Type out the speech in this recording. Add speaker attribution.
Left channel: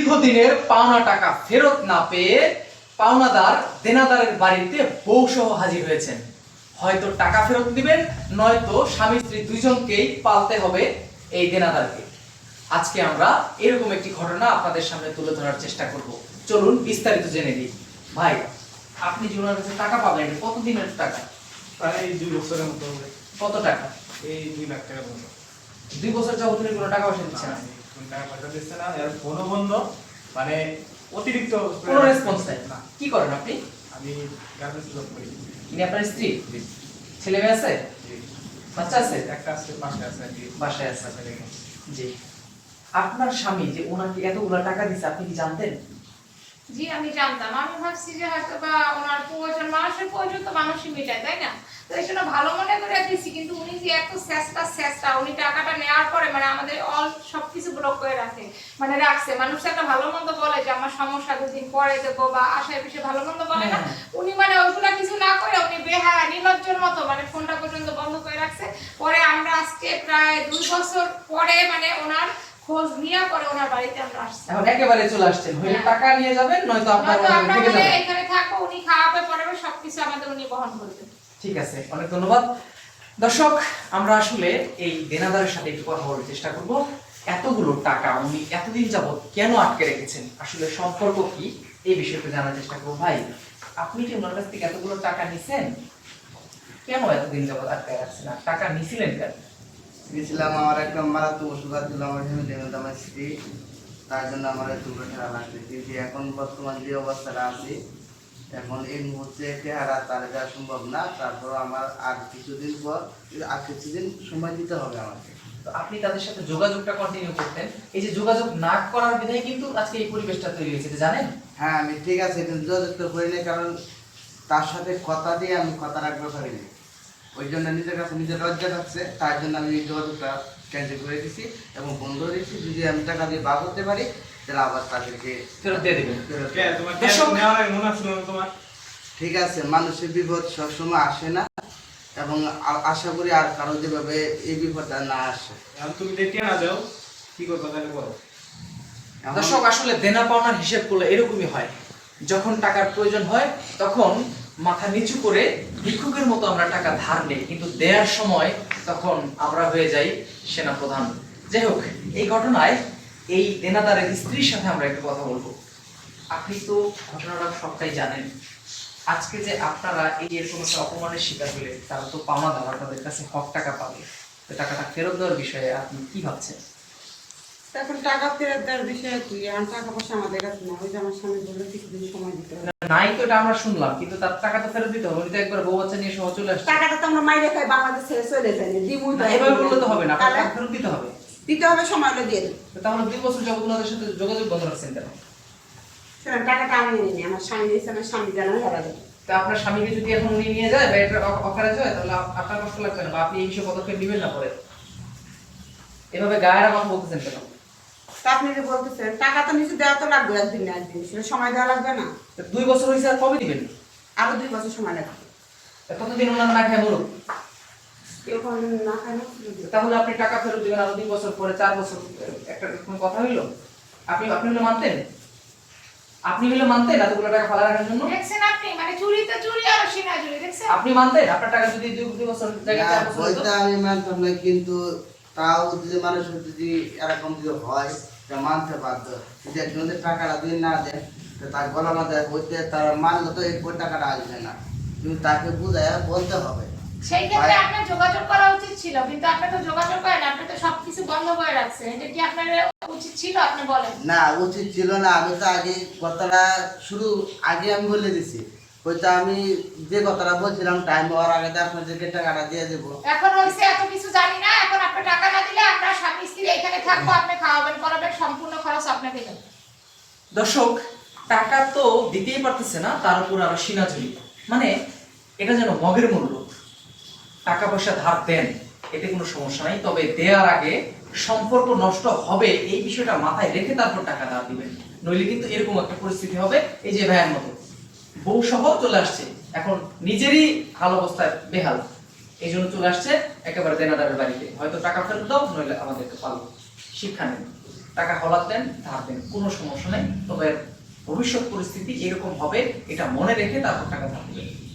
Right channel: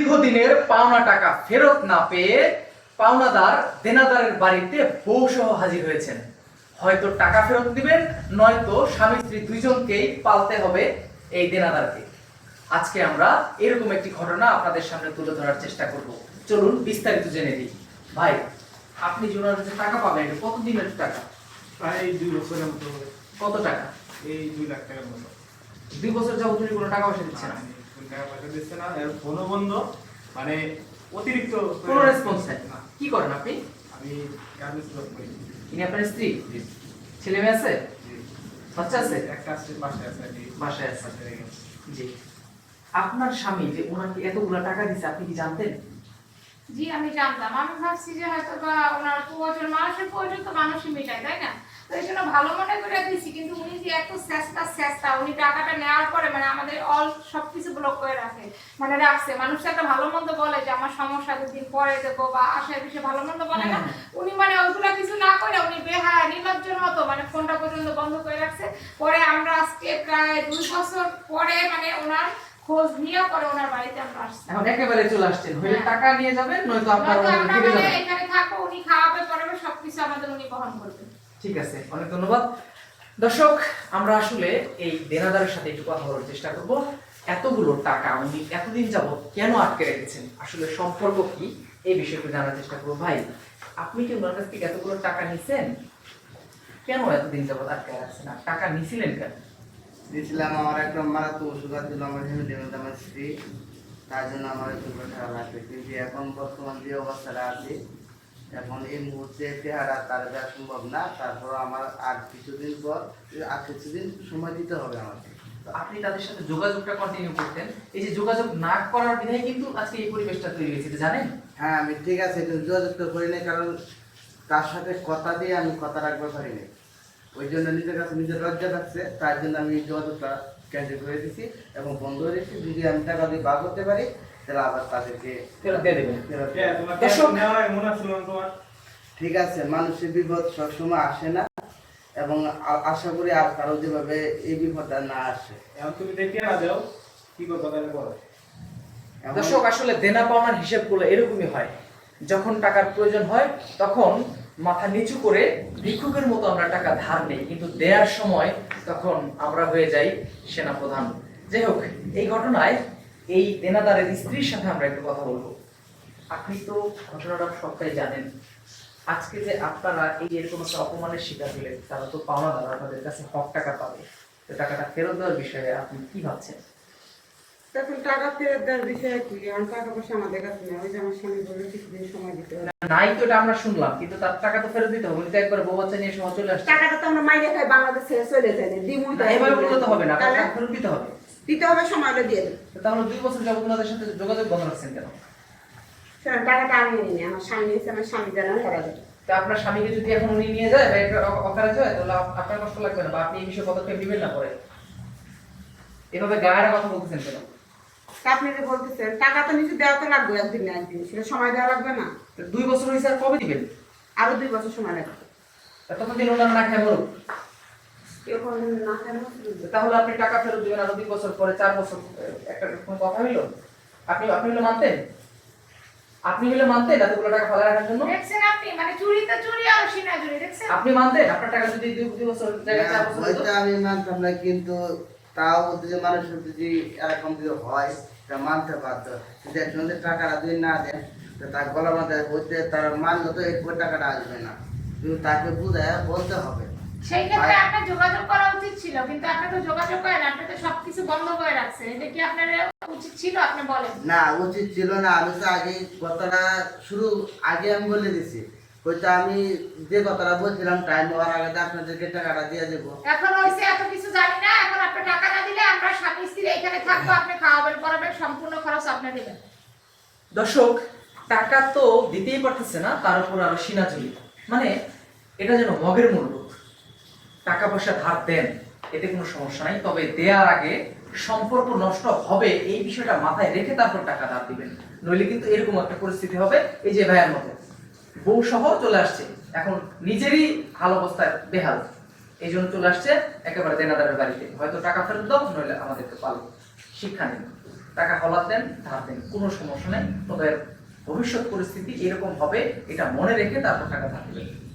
Speaker 1: দীর্ঘদিনের পাওনা টাকা ফেরত না পেয়ে পাওনাদার দেনাদারের বাড়িতে বউ সহ হাজির হয়েছেন। হয়তো টাকা ফেরত দিবেন নয়তো স্বামী স্ত্রী দুইজনকেই পালতে হবে এই দেনাদারকে। আজকে আমরা এরকম একটি ঘটনা আপনাদের সামনে তুলে ধরার চেষ্টা করব। চলুন বিস্তারিত জেনে নিই। ভাই আপনি যে ওনার কাছে টাকা পাবেন এটা কত দিনের টাকা?
Speaker 2: প্রায় দুই বছরের মতো হবে।
Speaker 1: কত টাকা?
Speaker 2: এই দুই লাখ টাকার মতো।
Speaker 1: দুই বছর যাবত কোনো টাকা পয়সা দিচ্ছে না।
Speaker 2: টাকা পয়সা দিচ্ছে না এর ফোনও বন্ধ মানে অতিরিক্ত
Speaker 1: কোনো রেসপন্স নাই।
Speaker 2: না
Speaker 1: কি করেন আপনি?
Speaker 2: আমি গার্মেন্টস জব করি।
Speaker 1: ইনি আপনার স্ত্রী? ছেলে মেয়ে আছে? বাচ্চা আছে?
Speaker 2: একটা আছে
Speaker 1: বাসায় আছে
Speaker 2: বাসায় আছে।
Speaker 1: জি। আপনার স্বামী যে ওনাকে এতগুলো টাকা দিচ্ছে আপনি কি জানতেন?
Speaker 3: জি আমি জানতাম। আমি ভাবছি যে হয়তো বা ওনার প্রয়োজন মানুষের প্রয়োজন তো মানুষই মেটায় তাই না? তো এই জন্য ভালো মনে করে দিয়েছি কিন্তু উনি যে এত চেষ্টা চেষ্টা উনি টাকাটা নেওয়ার পরে মানে আমাদের অল সবকিছু ব্লক করে রাখে মানে রাখছে। মানুষ একটা ভালো মন্দ বলে যে আমার সমস্যা দুদিন পরে দেবো বা আশায় পিছিয়ে ভালো মন্দ বলে না।
Speaker 1: হ্যাঁ।
Speaker 3: উনি মানে ওইগুলা কিছু না করে উনি বেহায়া নির্লজ্জের মতো মানে ফোনটা পর্যন্ত বন্ধ করে রাখছে। পরে আমরা আজকে প্রায় দুই বছর পরে মানে ওনার খোঁজ নিয়ে পরে ওনার বাড়িতে আমরা আসছি।
Speaker 1: এখন একেবারে চলে আসছেন। হইলে
Speaker 3: হ্যাঁ।
Speaker 1: টাকা নিয়ে যাবেন নয়তো আপনার
Speaker 3: আমরা মানে এখানে থাকব উনি খাওয়াবে সবকিছু আমাদের উনি বহন
Speaker 1: ঠিক আছে অনেক ধন্যবাদ। দর্শক আমরা আসলে এই দেনাদারের সাথে একটু কথা বলার চেষ্টা করব। এতগুলো টাকা উনি এতদিন যাবত কেন আটকে রেখেছেন? আসলে সম্পর্ক কি? এই বিষয়টা জানার চেষ্টা করব। ভাই আপনি কি ওনার কাছ থেকে এতগুলো টাকা নিছেন? কেন এতদিন যাবত আটকে রাখছেন? আর টাকা নিছিলেন কেন?
Speaker 4: গেছিলাম আমার একটা মারাত্মক ওষুধ ছিল আমার ফ্যামিলি মধ্যে আমার স্ত্রী তার জন্য আমার এতগুলো টাকা লাগবে। কিন্তু এখন বর্তমান যে অবস্থাটা আছে এখন এই মুহূর্তে চেহারা তার দেওয়া সম্ভব না। তারপর আমার আর কিছুদিন পর আর কিছুদিন সময় দিতে হবে আমাকে।
Speaker 1: তো আপনি তাদের সাথে যোগাযোগটা কন্টিনিউ করতেন। এই যে যোগাযোগ না করার বিধায় কিন্তু আজকে এই পরিবেশটা তৈরি হয়েছে জানেন?
Speaker 4: হ্যাঁ আমি ঠিক আছে যোগাযোগ তো করি নাই কারণ তার সাথে কথা দিয়ে আমি কথা রাখতে পারিনি ওই জন্য নিজের কাছে নিজের লজ্জা থাকছে তার জন্য আমি যোগাযোগটা ক্যান্সেল করে দিছি এবং বন্ধ রেখেছি যদি আমি টাকা দিয়ে বার করতে পারি তাহলে আবার তাদেরকে
Speaker 1: ফেরত দিয়ে দেবেন।
Speaker 2: তোমার
Speaker 4: ঠিক আছে মানুষের বিপদ সবসময় আসে না এবং আশা করি আর কারও যেভাবে এই বিপদটা না আসে।
Speaker 2: এখন তুমি দেখে না দাও কি করব তাহলে বলো?
Speaker 1: দর্শক আসলে দেনা পাওনার হিসেবগুলো এরকমই হয়। যখন টাকার প্রয়োজন হয় তখন মাথা নিচু করে ভিক্ষুকের মতো আমরা টাকা ধার নেই, কিন্তু দেওয়ার সময় তখন আমরা হয়ে যাই সেনাপ্রধান। যাই হোক, এই ঘটনায় এই দেনাদারের স্ত্রীর সাথে আমরা একটু কথা বলব। আপনি তো ঘটনাটা সবটাই জানেন। আজকে যে আপনারা এই এরকম একটা অপমানের শিকার হলে, তারা তো পাওনা দেওয়া তাদের কাছে হক টাকা পাবে। তো টাকাটা ফেরত দেওয়ার বিষয়ে আপনি কি ভাবছেন?
Speaker 5: এখন টাকা ফেরত দেওয়ার বিষয়ে কি এখন টাকা পয়সা আমাদের কাছে নেই। ওই যে আমার স্বামী বলে কিছুদিন
Speaker 1: নাই তো এটা আমরা শুনলাম কিন্তু তার টাকা তো ফেরত দিতে হবে তো একবার বউ বাচ্চা নিয়ে সহ চলে আসছে।
Speaker 5: টাকাটা তো আমরা মাইনে খাই বাংলাদেশ ছেড়ে চলে যাই দিমুই
Speaker 1: না, এভাবে বললে তো হবে না আপনার টাকা ফেরত দিতে হবে।
Speaker 5: দিতে হবে সময় হলে দিয়ে
Speaker 1: তো তাহলে দুই বছর যাবত ওনাদের সাথে যোগাযোগ বন্ধ রাখছেন কেন?
Speaker 5: সেরকম টাকাটা আমি নিই আমার স্বামী নিয়েছে আমার স্বামী জানানো হেরা দেবে
Speaker 1: তো আপনার স্বামীকে যদি এখন উনি নিয়ে যায় বা এটা অকারেজ হয় তাহলে আপনার কষ্ট লাগবে না বা আপনি এই বিষয়ে পদক্ষেপ নেবেন না পরে? এভাবে গায়ের কথা বলতেছেন কেন?
Speaker 5: তা আপনি যে বলতেছেন টাকা তো নিচে দেওয়া তো লাগবে একদিন না একদিন সেটা সময় দেওয়া লাগবে না।
Speaker 1: দুই বছর হয়েছে আর কবে দিবেন?
Speaker 5: আরও দুই বছর সময় লাগবে।
Speaker 1: তা ততদিন না খায় মরুক?
Speaker 5: এরকম না কেন
Speaker 1: তাহলে আপনি টাকা ফেরত দিবেন আরও দুই বছর পরে চার বছর একটা কোনো কথা হইল? আপনি আপনি হলে মানতেন? আপনি হলে মানতেন এতগুলো টাকা ফালা রাখার জন্য?
Speaker 3: দেখছেন আপনি? মানে চুরি তো চুরি আর সিনা চুরি দেখছেন?
Speaker 1: আপনি মানতেন? আপনার টাকা যদি দুই দুই বছর জায়গায় চার বছর
Speaker 4: আমি মানতাম না কিন্তু তাও যদি মানুষের যদি এরকম যদি হয় তা মানতে পারত কিন্তু একজন যদি টাকাটা যদি না দেয় তো তার হইতে তার মানলে তো ওই টাকাটা আসবে না। কিন্তু তাকে বুঝায় বলতে হবে।
Speaker 3: সেই ক্ষেত্রে আপনার যোগাযোগ করা উচিত ছিল কিন্তু আপনি তো যোগাযোগ করেন আপনি তো সবকিছু বন্ধ করে রাখছেন। এটা কি আপনার উচিত ছিল আপনি বলেন?
Speaker 4: না উচিত ছিল না। আমি তো আগে কথাটা শুরু আগে আমি বলে দিছি। হয়তো আমি যে কথাটা বলছিলাম টাইম হওয়ার আগে আপনাদেরকে টাকাটা দিয়ে দেবো।
Speaker 3: এখন হয়েছে এত কিছু জানি না এখন আপনি টাকা না দিলে আমরা স্বামী স্ত্রী এখানে থাকব আপনি খাওয়াবেন পড়াবেন সম্পূর্ণ খরচ আপনি দেবেন।
Speaker 1: দর্শক টাকা তো দিতেই পারতেছে না তার উপর আরও সিনাচুরি মানে এটা যেন মগের মূল্য। টাকা পয়সা ধার দেন এতে কোনো সমস্যা নাই তবে দেওয়ার আগে সম্পর্ক নষ্ট হবে এই বিষয়টা মাথায় রেখে তারপর টাকা ধার দিবেন। নইলে কিন্তু এরকম একটা পরিস্থিতি হবে এই যে ভাইয়ের মতো। বউ সহ চলে আসছে। এখন নিজেরই ভালো অবস্থায় বেহাল। এই জন্য চলে আসছে একেবারে দেনাদারের বাড়িতে। হয়তো টাকা ফেরত দাও, নইলে আমাদেরকে পালো। শিক্ষা নেন। টাকা হলাত দেন, ধার দেন। কোনো সমস্যা নেই। তবে ভবিষ্যৎ পরিস্থিতি এরকম হবে, এটা মনে রেখে তারপর টাকা ধার দেবেন।